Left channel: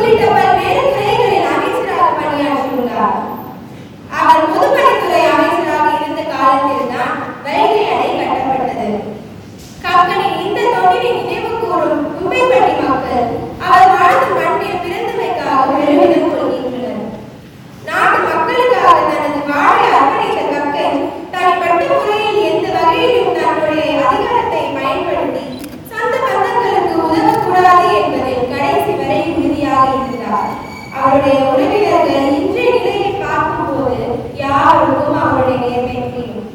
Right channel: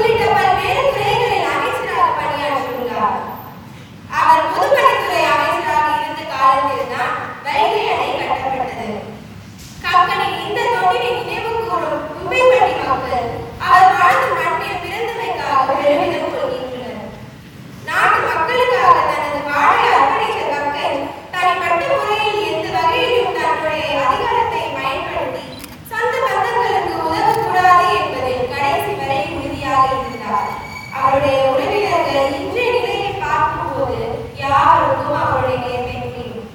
உள்ளிட்ட பல்வேறு துறைகளில் அமைச்சராக பணியாற்றியுள்ளார். அவர் பொதுப்பணித்துறை அமைச்சராக இருந்த காலத்தில் தான் வைகை அணை கட்டப்பட்டது. கக்கனின் இந்த தொண்டினை நினைவு கூறும் கும்பைப்பட்டி மக்கள் அவர் வாழ்ந்த மண்ணில் பிறந்தமைக்காக பெருமிதம் கொள்கின்றனர். நாட்டு மக்களுக்காக தனது வாழை அர்ப்பணித்த கக்கன் தனிப்பட்ட முறையில் எந்த வகையிலும் தன்னுடைய அதிகாரத்தை பயன்படுத்தி சொந்த பந்தங்களுக்கு உதவக்கூடாது என்பதில் கடைசி வரை உறுதியாக இருந்தார். அவருடைய உறவினர்கள் இன்றைய நிலையை பார்க்கும்போது யாருக்கும் அவருடைய நேர்மை புரியும்.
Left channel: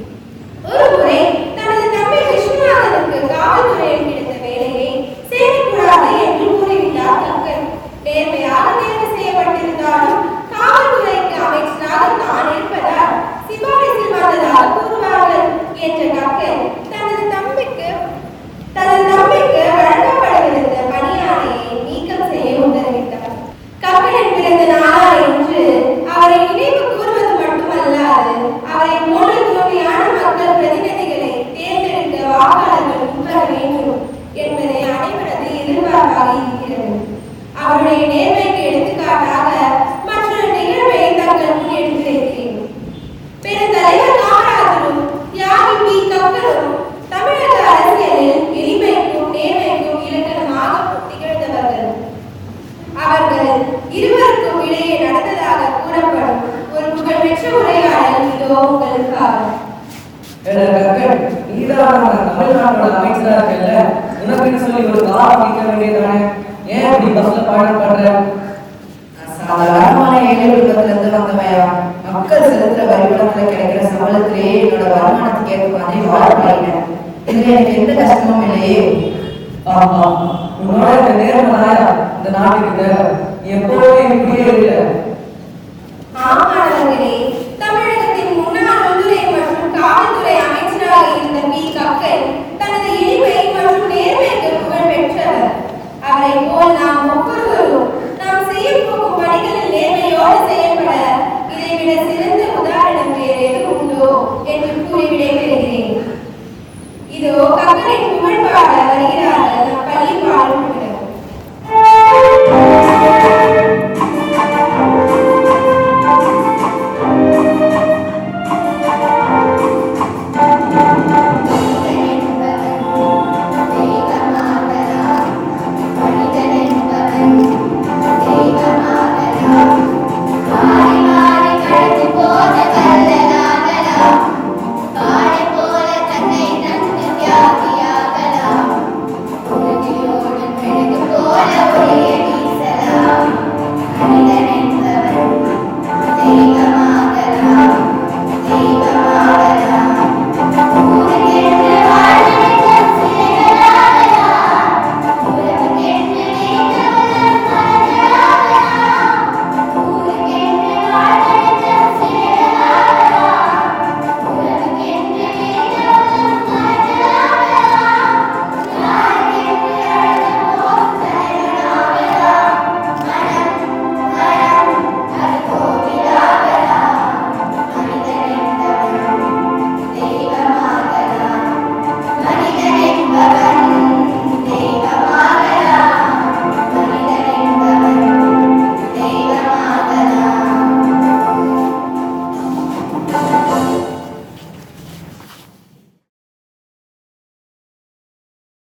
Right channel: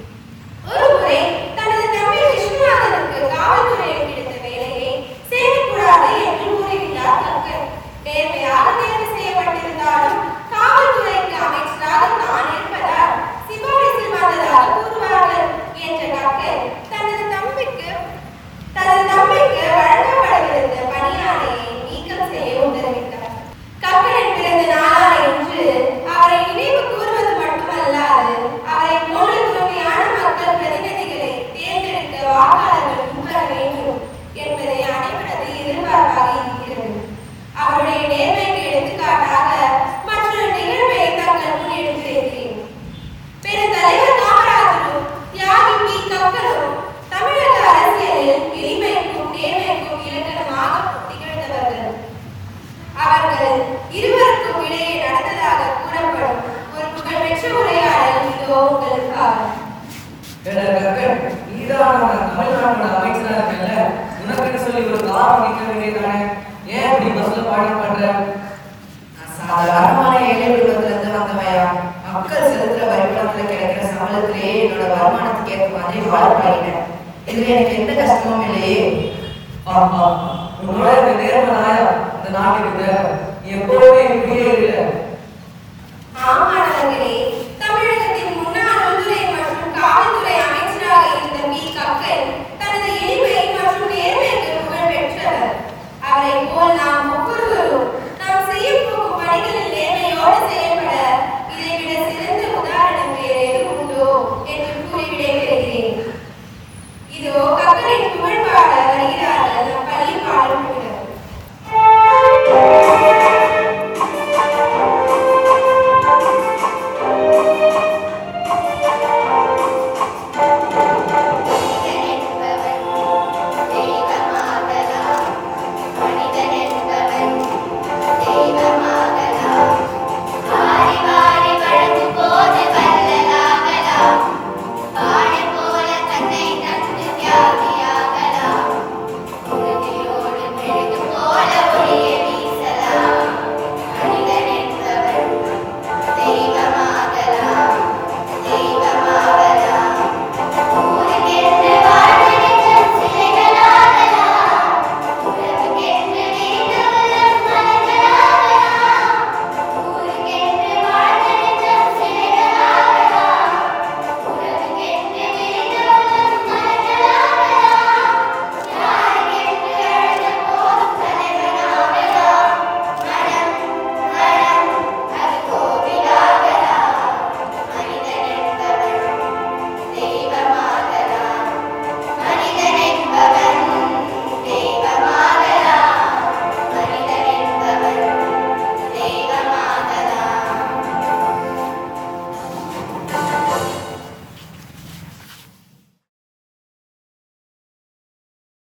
ஒரு முறை தனது தம்பி விஸ்வநாதனுக்கு காவல்துறையில் கிடைத்த வேலையை செய்யக்கூடாது என்று கூறிவிட்டார் கக்கன். நேர்மையாக தேர்வு செய்யப்பட்டிருந்தாலும் காவல்துறைக்கு அமைச்சராக தான் இருப்பதால் சிபாரிசில் வந்ததாக கூறுவார்கள் என்ற கக்கன் தனது தம்பிக்கு வழங்கப்படவிருந்த பணியாணையை நீக்கம் செய்ய உத்தரவிட்டார். கக்கனின் பிறந்த நாளான இன்று அவரை நினைவு கூறுவது மட்டுமல்லாது அவரை போன்ற தூய்மையான மக்கள் பிரதிநிதிகளை தேர்ந்தெடுக்க வாக்காளர்கள் முன்வர வேண்டும் என்பதை அனைவரது எதிர்பார்ப்பாக இருக்கிறது. அவருடைய நேர்மைக்கு எடுத்துக்காட்டாக மற்றொரு நிகழ்வை தங்கள் முன் எடுத்துரைக்கிறேன். பெருந்தலைவர் காமராஜரும் தியாகி பி. கக்கனும் தமிழக அரசியலில் எளிமைக்கும் நேர்மைக்கும் இலக்கணமாக திகழ்ந்தவர்கள். அவர்கள் இருவருக்கும் இடையே நடந்ததாக கூறப்படும் ஒரு புகழ்பெற்ற உரையாடல் இதோ உங்களுக்காக. தமிழ்நாட்டோட அமைச்சரா இருக்கல, உனக்குன்னு சொல்லி ஒரு கார் நிற்க வேண்டியதானே? ஏன் இப்படி பஸ்ல பயணம் பண்ற? சாதாரணமான ஏழை குடும்பத்துல இருந்து வந்தவையா, மக்கள் செலுத்துற வரிபடத்துல கிடைக்கிற சம்பளத்திலேயே என்னோட வருமானத்துக்கு ஏற்ற மாதிரி வாழ பழகினேன். இதுல எனக்கு எந்த கஷ்டமும் இல்லையே. ஆமா, உன்னோட இந்த நேர்மதாயா இந்த நாட்டுக்கு தேவை. நீ எப்போதுமே இப்படியே இல்லை. ஆமாடங்களே,